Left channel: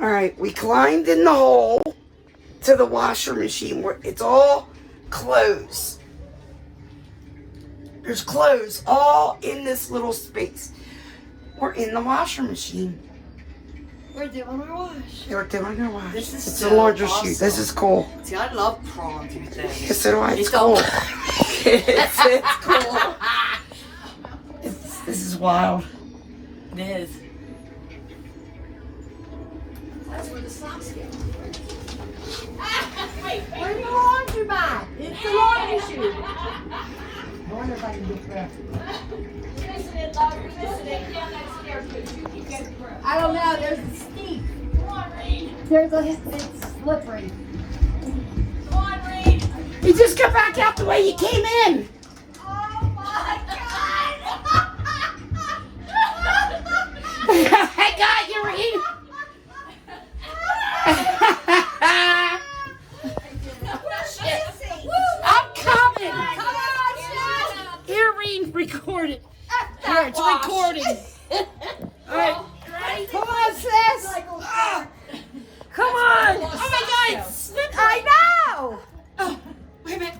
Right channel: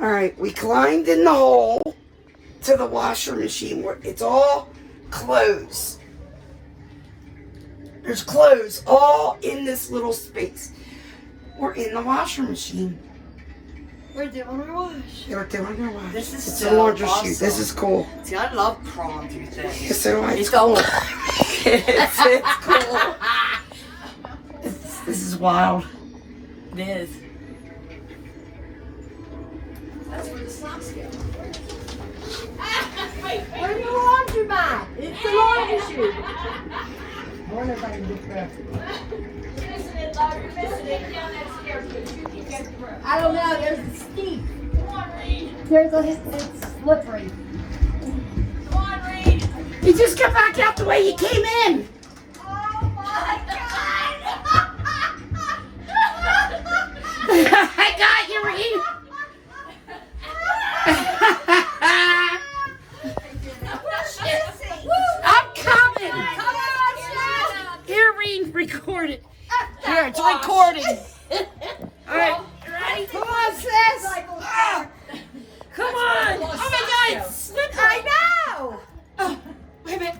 All right, we climbed in the hole to the washer machine where it's all clothes. There's clothes all in this little space. We're in the washer machine. We're doing our wash. We're doing your wash. This is it's so a laundry awesome. chute. This is cool. See, I love crawling through things. Yes, so do I. It's cool. It's cool. This is wild. It is. That's where the socks go. Where do you want your mat? It's the laundry chute. I wonder if I can get through. I don't know. There's a steep. It's slippery. Come on, Reed. You just get back out the way you came in. Oh my God. I got you, Reed. I'm coming. Come on, Here, Reed, record it. Here, it's recording. All right. Ready? Come on, sis. Ah. Come on. Oh my God, it's slippery. I know. Oh, wait a minute.